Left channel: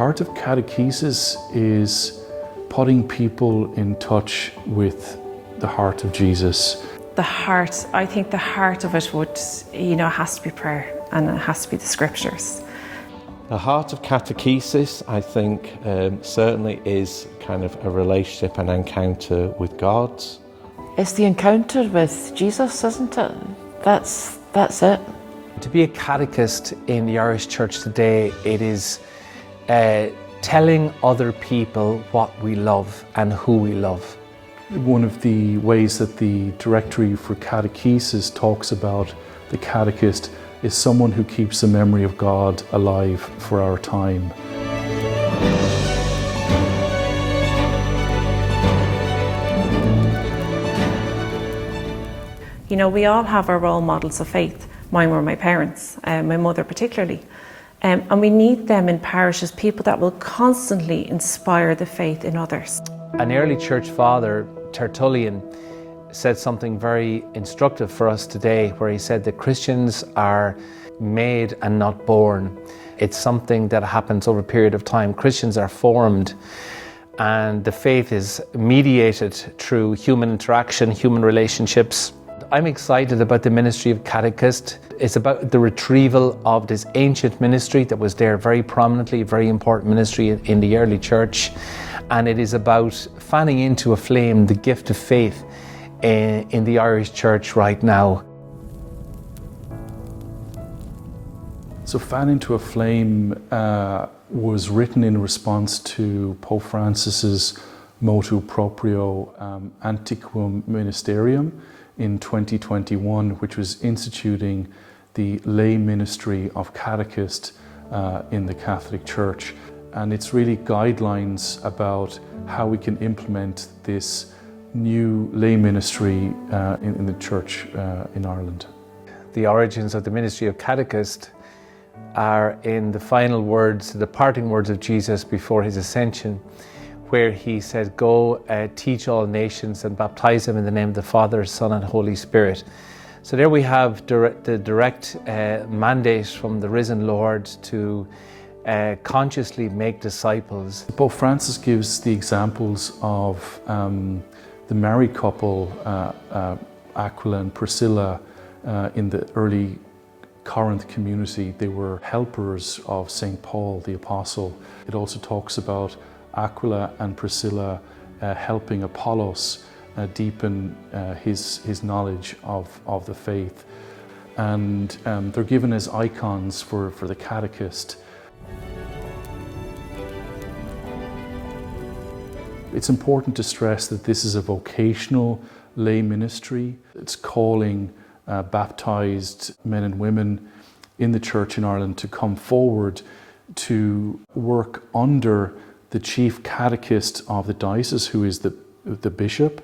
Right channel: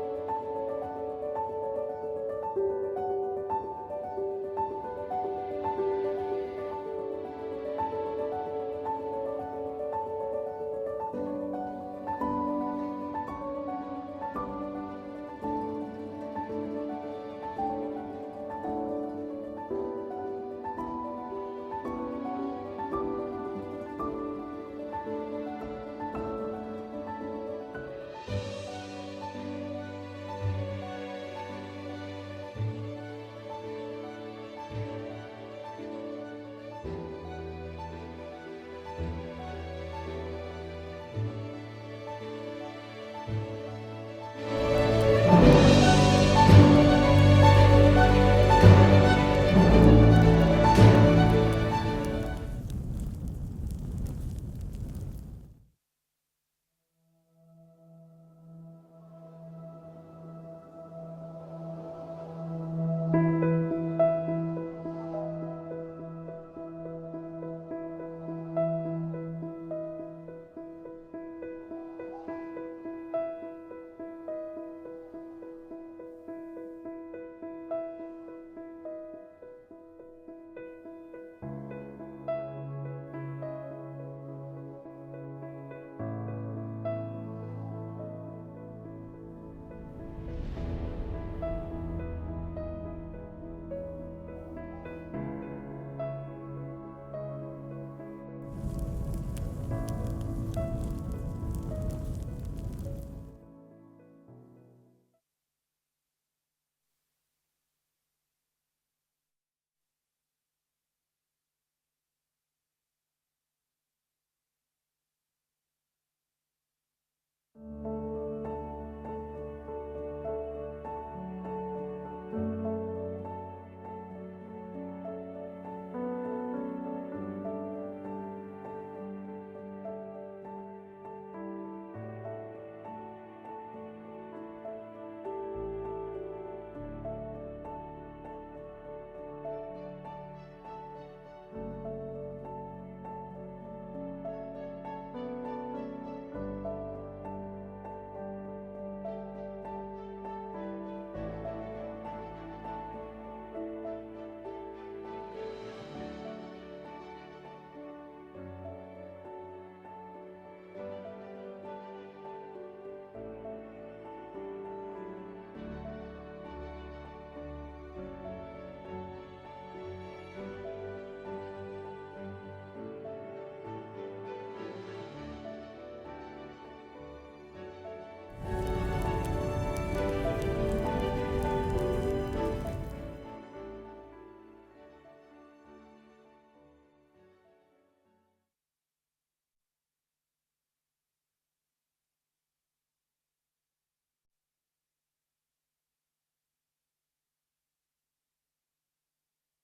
heart of catechesis is putting people in touch with the heart of Jesus. The heart, I think the heart of it would, has to be prayer, and it has to be the scriptures. The heart of catechesis, I think, certainly is kind of a relationship and encounter with God. It's the encounter with Jesus, isn't it? That's it. To be a catechist in the Irish Church today, it is telling other people what we love and who we love. One of the ways that the Directory for Catechesis talks about the catechist is someone who keeps the memory of God alive for our time. We all have our role models of faith. Mine were my parents, my mother particularly. And we need them in parishes, people that will constantly inspire the faith in others. An early church father, Tertullian, said something very instructive for us today, where he said that Christians are made and not born. It's something that happens over a period of time. Christians are formed, and the faith is mediated through human interaction, human relationships. I'm excited about the ministry of catechist. It's about the retrieval of this ancient ministry that was there very prominently, a very important ministry in the early church. And it is about fanning into a flame the gift of faith in the Irish Church right now. So Fan into a Flame was written in response to Pope Francis's motu proprio Antiquum Ministerium in 2021, which was instituting the lay ministry of catechist in the Catholic Church. And it's really guidelines about how we can implement this new lay ministry in the Church in Ireland. The origins of the ministry of catechist are in the final words, the parting words of Jesus before his ascension, where he said, "Go teach all nations and baptize them in the name of the Father, Son and Holy Spirit." So there we have the direct mandate from the risen Lord to consciously make disciples. Pope Francis gives the examples of the married couple, Aquila and Priscilla, in the early Corinth community. They were helpers of St. Paul the Apostle. It also talks about Aquila and Priscilla helping Apollos deepen his knowledge of the faith. And they're given as icons for the catechist. It's important to stress that this is a vocational lay ministry. It's calling baptized men and women in the Church in Ireland to come forward to work under the chief catechist of the diocese, who is the bishop.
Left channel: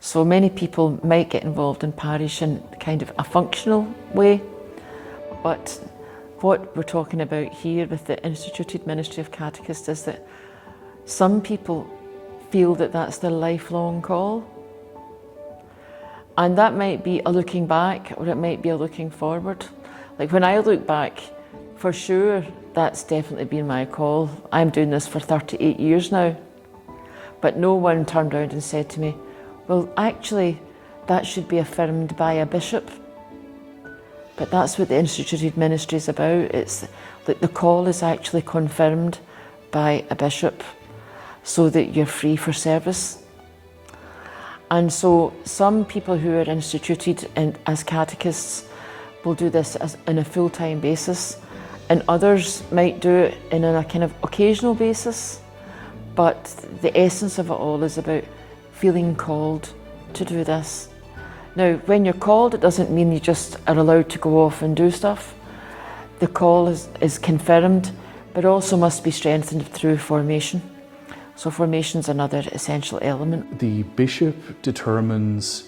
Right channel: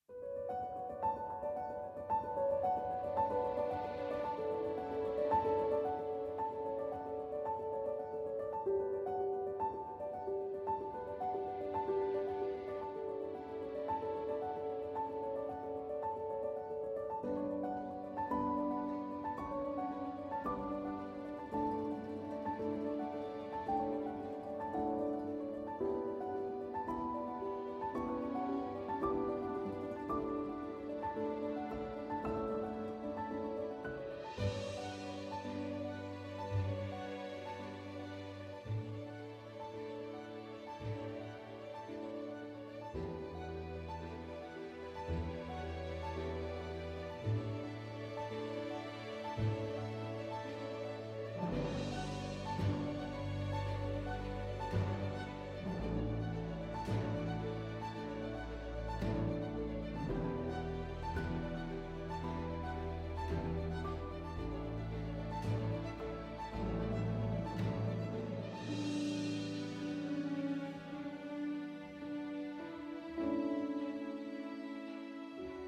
So many people might get involved in parish in kind of a functional way, but what we're talking about here with the instituted ministry of catechist is that some people feel that that's their lifelong call. And that might be a looking back, or it might be a looking forward. Like when I look back, for sure, that's definitely been my call. I'm doing this for 38 years now. But no one turned around and said to me, well, actually, that should be affirmed by a bishop. But that's what the instituted ministry is about. It's that the call is actually confirmed by a bishop so that you're free for service. And so some people who are instituted as catechists will do this on a full-time basis, and others might do it on a kind of occasional basis. But the essence of it all is about feeling called to do this. Now, when you're called, it doesn't mean you just are allowed to go off and do stuff. The call is confirmed, but also must be strengthened through formation. So formation is another essential element. The bishop determines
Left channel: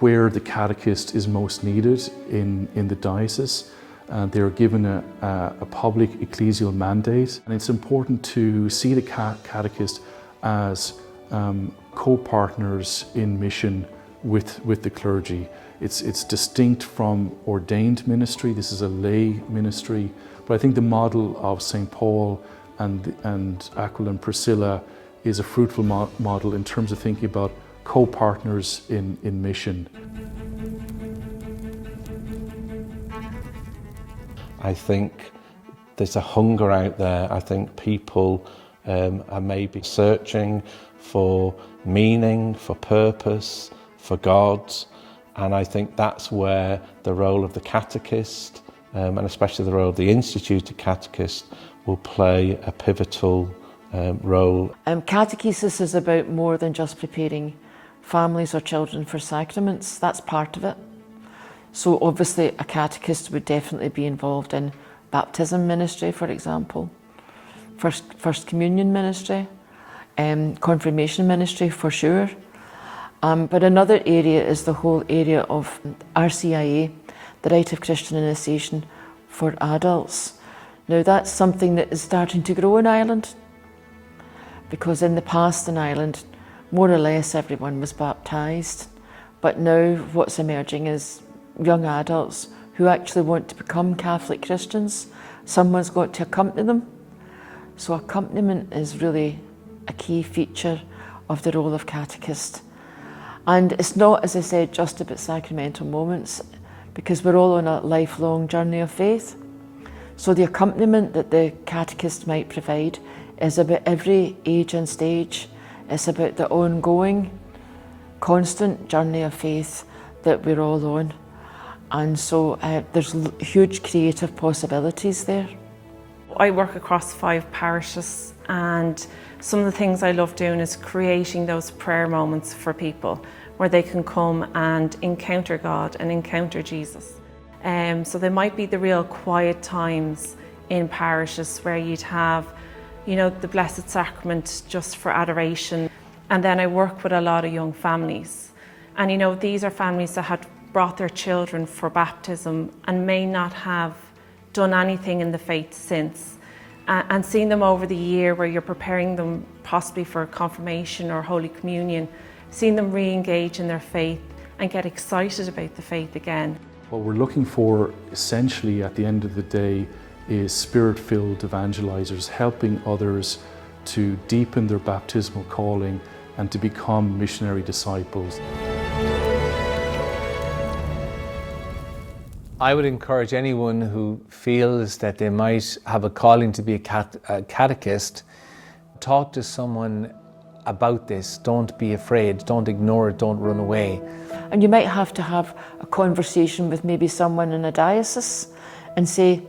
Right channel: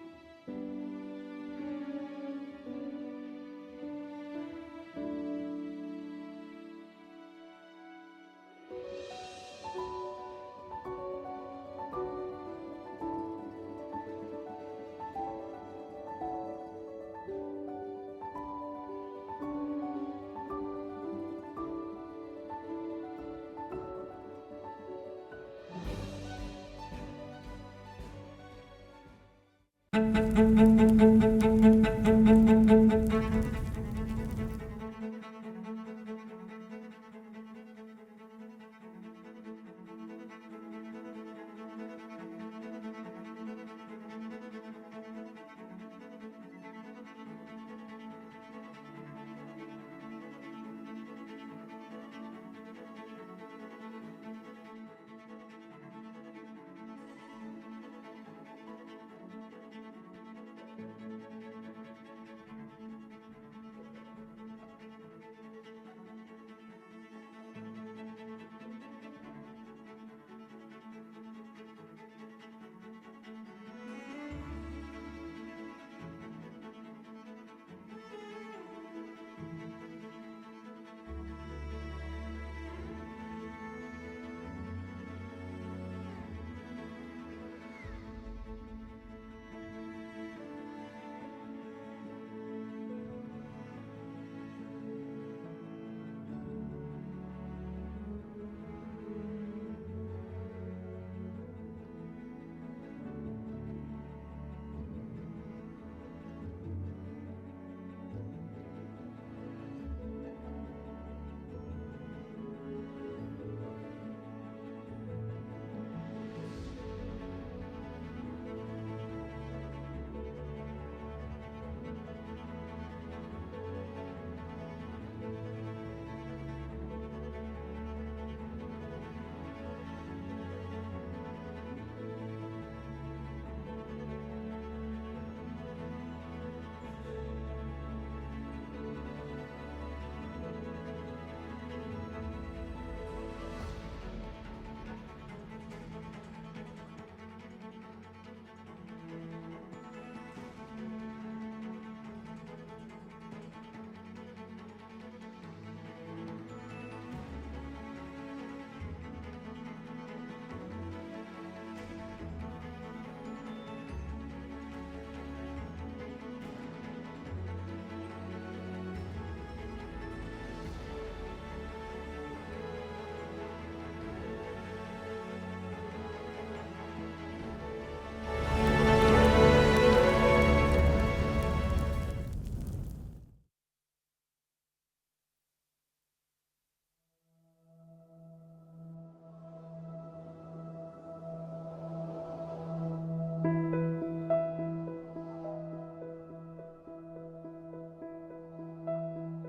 where the catechist is most needed in the diocese. They're given a public ecclesial mandate, and it's important to see the catechist as co-partners in mission with the clergy. It's distinct from ordained ministry. This is a lay ministry, but I think the model of St. Paul and Aquila and Priscilla is a fruitful model in terms of thinking about co-partners in mission. I think there's a hunger out there. I think people are maybe searching for meaning, for purpose, for God, and I think that's where the role of the catechist, and especially the role of the instituted catechist, will play a pivotal role. Catechesis is about more than just preparing families or children for sacraments. That's part of it. So obviously a catechist would definitely be involved in baptism ministry, for example, first communion ministry, confirmation ministry for sure. But another area is the whole area of RCIA, the Rite of Christian Initiation for adults. Now that's something that is starting to grow in Ireland, because in the past in Ireland, more or less everyone was baptised. But now what's emerging is young adults who actually want to become Catholic Christians. Someone's got to accompany them. So accompaniment is really a key feature of the role of catechist. And it's not, as I said, just about sacramental moments, because we're all on a lifelong journey of faith. So the accompaniment that the catechist might provide is about every age and stage. It's about the ongoing, constant journey of faith that we're all on. And so there's huge creative possibilities there. I work across 5 parishes, and some of the things I love doing is creating those prayer moments for people where they can come and encounter God and encounter Jesus. So there might be the real quiet times in parishes where you'd have, you know, the Blessed Sacrament just for adoration. And then I work with a lot of young families. And you know, these are families that had brought their children for baptism and may not have done anything in the faith since. And seeing them over the year where you're preparing them possibly for confirmation or Holy Communion, seeing them re-engage in their faith and get excited about the faith again. What we're looking for essentially at the end of the day is spirit-filled evangelizers helping others to deepen their baptismal calling and to become missionary disciples. I would encourage anyone who feels that they might have a calling to be a catechist, talk to someone about this. Don't be afraid, don't ignore it, don't run away. And you might have to have a conversation with maybe someone in a diocese and say,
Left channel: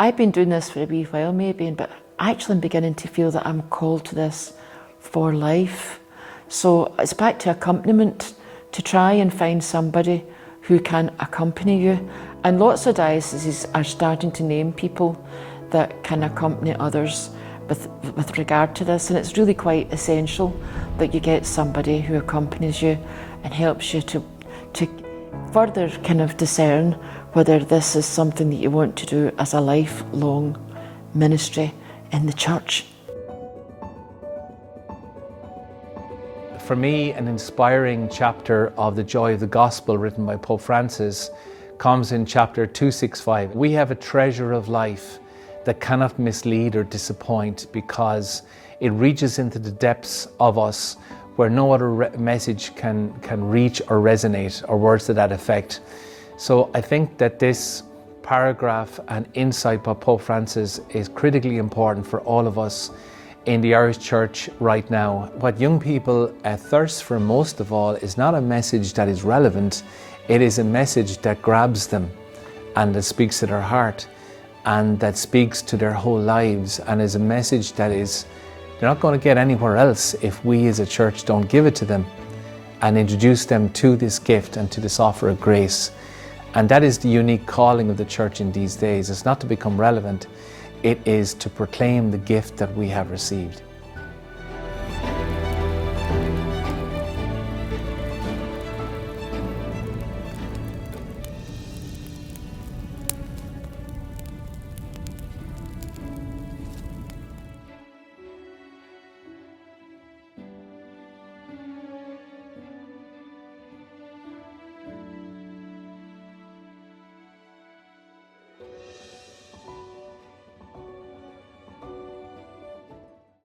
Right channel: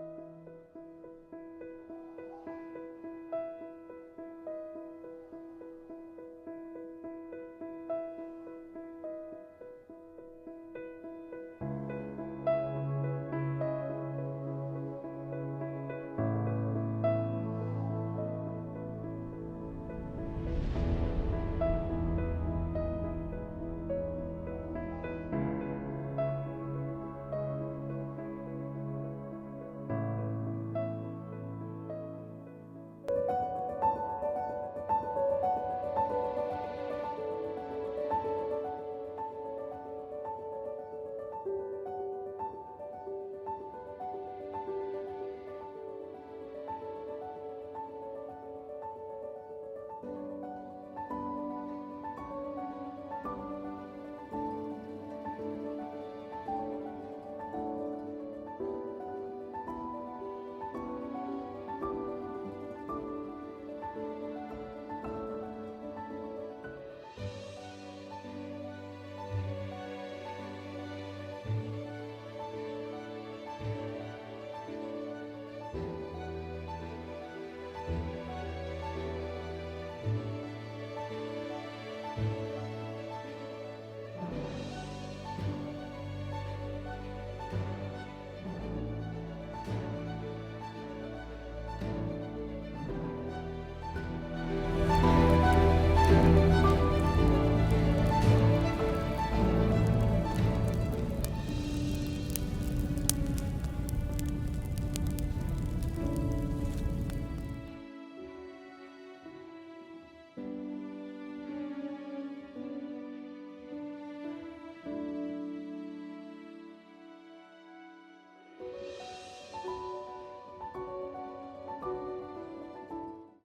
I've been doing this for a wee while maybe, but actually I'm beginning to feel that I'm called to this for life. So it's back to accompaniment, to try and find somebody who can accompany you. And lots of dioceses are starting to name people that can accompany others with regard to this. And it's really quite essential that you get somebody who accompanies you and helps you to further kind of discern whether this is something that you want to do as a lifelong ministry in the church. For me, an inspiring chapter of The Joy of the Gospel written by Pope Francis comes in chapter 265. We have a treasure of life that cannot mislead or disappoint because it reaches into the depths of us where no other message can reach or resonate, or words to that effect. So I think that this paragraph and insight by Pope Francis is critically important for all of us in the Irish Church right now. What young people thirst for most of all is not a message that is relevant, it is a message that grabs them and that speaks to their heart and that speaks to their whole lives, and is a message that is they're not going to get anywhere else if we as a church don't give it to them and introduce them to this gift and to this offer of grace. And that is the unique calling of the church in these days. It's not to become relevant, it is to proclaim the gift that we have received.